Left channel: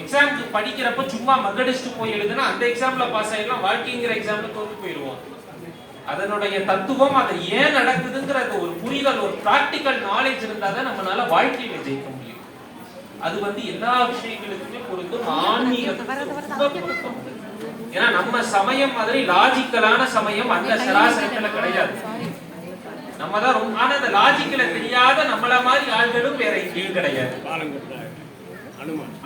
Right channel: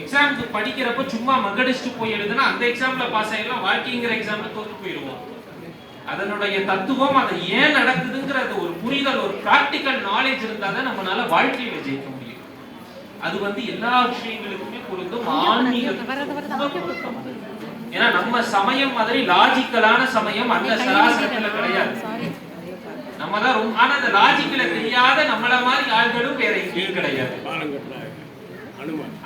எக்ஸாமுக்கு படிக்கிறப்ப சும்மா மக்கடிச்சுட்டு போய் எழுதுனா அந்த எக்ஸாம்ல பாஸ் ஆயிடலாம், வாழ்க்கைங்கிற எக்ஸாம்ல தோத்து போயிடுவோம். அதனுடைய தத்துவம், அதை ஏன் நடக்குதுங்கிறது ஒரு புரிதல், ஒரு பிராக்டிக்கல் நாலேஜ் இருந்தாதான் நம்மளால வாழ்க்கையில ஜெயிக்க முடியும். அது எல்லா விஷயங்களுக்குமே பொருந்தும், ஆன்மீகத்துக்கு பொருத்தம். ஏன்னா நம்ம சமயம் மாதிரி லாஜிக்கலான சமயம் அந்த சராசரத்துல கிடையாது. நம்ம தான் ஆனா அந்த லாஜிக்கல தெரியாத நம்மள மாதிரி ஆள்களும் வேற எங்கேயும் கிடையாது.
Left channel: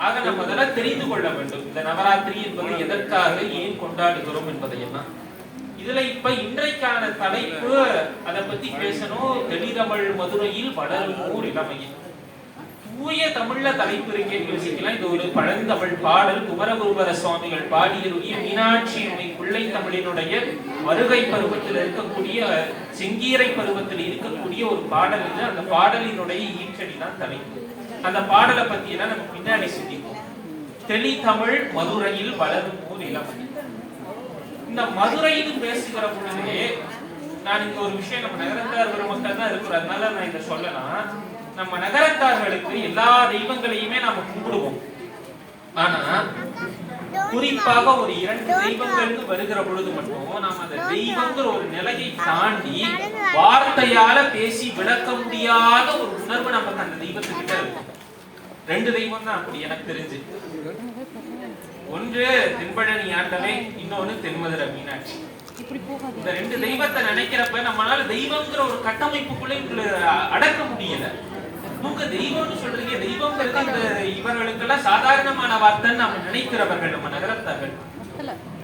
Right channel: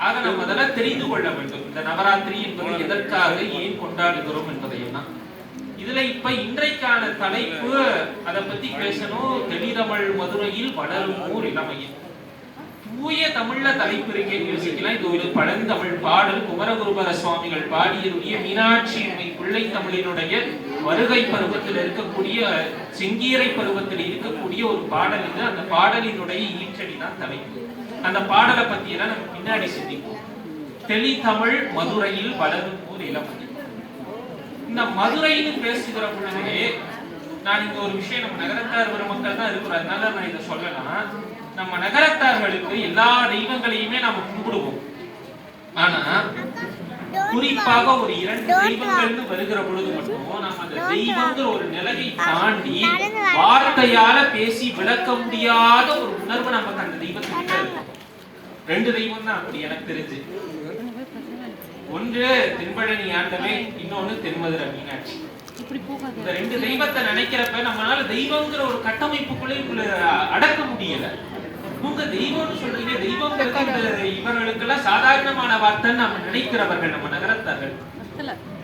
ஆக நம்ம அதெல்லாம் தெரிந்து கொள்ள வேண்டும். இந்த நவராத்திரி என்பதை எதற்காக ஏன் கொண்டாடுகிறோம் என்பதையெல்லாம் இதுல இப்ப இன்றைக்கான தலைப்பு அதை பத்தி பேசணும். தெளிதமிழ் மதுரையில் வளரும் ஊர் இளமையில். தூய தமிழ்ல தலைப்பு இருக்கேன்னு யோசிக்கலாம். இது ஒரு பழந்தமிழ் பாடல். குமரகுருபர சுவாமிகள் பாடியிருக்கிய மீனாட்சி பிள்ளை தமிழினுடைய வருகை பருவத்தில் இருக்கக்கூடிய, செங்கீரை பருவத்தில் இருக்கக்கூடிய ஒரு பாடல் இது. அந்த பாடலினுடைய ஈற்றடி தான் தலைப்பு. அந்த பாடலை பத்தி எல்லாம் நம்ம பின்னாடி சிந்திப்போம். தெளிதமிழ் மதுரையில் வளரும் ஊர் இளமையில். இந்த மதுரைன்னு பேசுகிற பொழுதே நான் இங்க ஒரு விஷயம், நம்ம நகரத்தார் பெருமக்கள் தான் இருக்கிறோம், அதனால நான் இதை சொல்லலாம். நம்ம நகரத்தார்களுக்கு எல்லா தெய்வங்களையுமே நாம கும்பிடுவோம். ஆனா குறிப்பாக ஒரு 2 தெய்வங்கள்னு வருகிற பொழுது மட்டும் நாம் அந்த தெய்வங்கிற ஒரு நிலையை தாண்டி வார்த்தையால பேசி விளக்க முடியாத ஒரு உணர்வு நமக்கு அந்த தெய்வத்துக்கிட்ட இருக்கும். 2 தெய்வம் தான் அப்படி எனக்கு தெரிஞ்சு. ஒன்று தென்பழனி ஆண்டவே, இன்னொன்னு தென்மதுரை மீனாட்சி. இந்த 2 தெய்வத்தை நினைக்கிறப்ப நம்மளால தெய்வங்கிற ஒரு கட்டமைப்புக்குள்ள அடக்க முடியல. உங்க தெய்வம்னு சொல்றீங்க, தெய்வம் இவர்களுக்கெல்லாம் சாதாரணமான வார்த்தைன்னு நம்ம நினைக்கிறவர்கள் நம்ம நகரத்தார்கள்.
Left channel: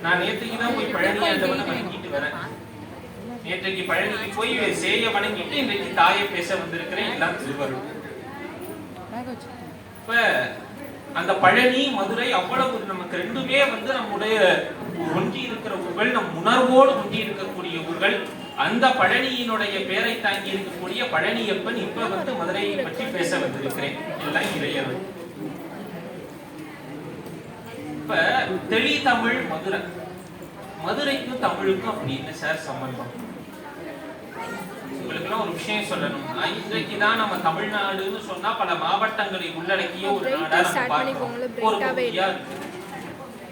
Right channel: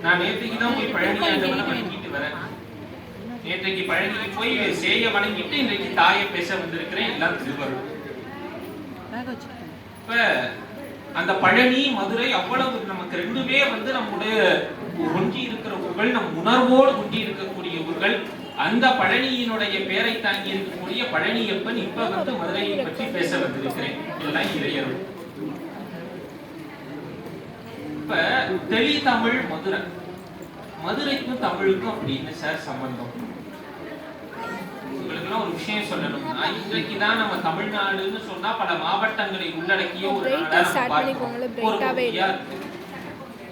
நான் நேற்றைக்கு தான் போய் பழனி ஆண்டவனை வணங்கிட்டு வரேன். நேற்றைக்கு பழனிக்கு போய் சேய வணங்கிட்டு இன்றைக்கு தாயை பேச வந்திருக்கிறேன். எல்லாம் திருவருள். இப்ப அந்த பழனி மதுரை அவ்வளவு நமக்கு 2மே நம்முடைய ஒன்றி இருக்கிற ஊர்கள், நம் உணர்வோடு ஒன்றி இருக்கக்கூடிய ஊர்கள். அந்த பழனியினுடைய பேரை தாங்கி இருக்கக்கூடிய பழனியப்பன் இப்ப மதுரையை பற்றி பேச வந்திருக்கிறேன். இதெல்லாம் இளையர்கள். இப்ப தெளிதமிழ் மதுரை, மதுரைக்கும் தமிழுக்கும் அப்படி என்ன சார் சம்பந்தம்? உங்களுக்கு ஒரு விஷயம் சொல்லணும். இன்றைக்குதான் நம்ம தமிழ்நாடுன்னு சொன்னா பல மாவட்டங்களை உள்ளடக்கிய ஒரு நாடா.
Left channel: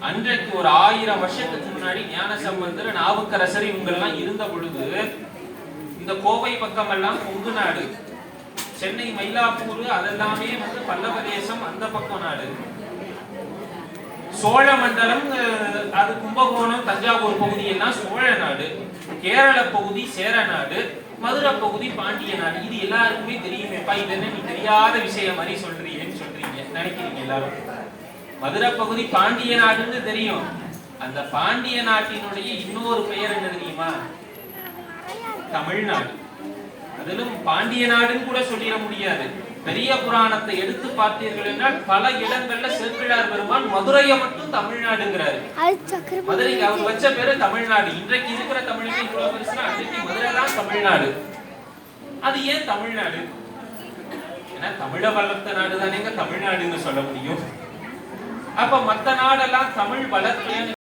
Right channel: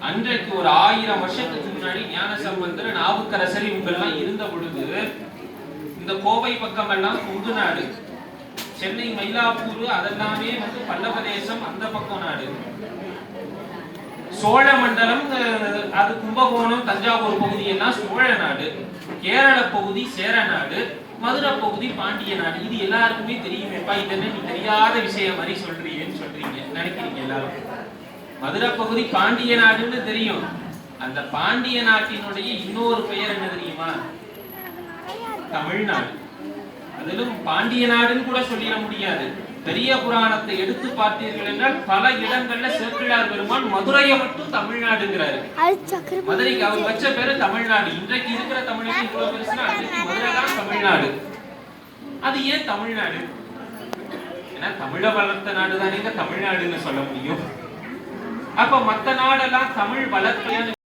அன்றைக்கு ஒரு 1000 வருஷத்துக்கு முன்னாடி ஞானசம்பந்தர், நாவுக்கரசர் இவங்கெல்லாம் இருந்த பொழுது இந்த கோவை பக்கம் எல்லாம் கொங்கு நாடு, சென்னை மயிலாப்பூர் அதெல்லாமே பல்லவ தேசம், அந்த பக்கம் நாடு. சோழ மண்டலம், அது கும்பகோணம் தஞ்சாவூர் பகுதி எல்லாம் சோழ நாடு. கேரள பகுதி சேர நாடு, மதுரை பகுதி பாண்டிய நாடு. இது எல்லாருக்குமே தெரியுமேப்பா. இது என்ன நீ தெரியாத விஷயம் மாதிரி சொல்றீங்கன்னு சொல்றீங்க நினைக்கிறீங்க எல்லாரும். மதுரை பகுதி பாண்டிய நாடுன்னு தெரியும். அந்த பாண்டிய நாட்டினுடைய இன்னொரு பெயர் என்ன தெரியுமா? தமிழ்நாடு. அதிலும் பாண்டிய நாடுன்னு கூட சொல்லிட முடியாது. பெரிய புராணத்தை எடுத்து பார்த்தீர்கள் என்றால் பல இடங்கள்ல சேக்கிழார் பெருமான் மதுரையை மட்டும் தமிழ்நாடுங்கிறாரு. மதுரைக்கு அவர் வச்ச பேரு தமிழ்நாடு. இன்றைக்கு இருக்கிற தமிழுக்கு இவ்வளவு பெருசுனா அன்றைக்கு மதுரை தான் தமிழ்நாடு. அது ஏன் தமிழ்நாடு? ஏன்னா தமிழ வளர்த்த நாடு தானேங்க தமிழ்நாடுன்னு சொல்ல முடியும். அப்ப மத்த நாடெல்லாம் தமிழ் வளர்த்த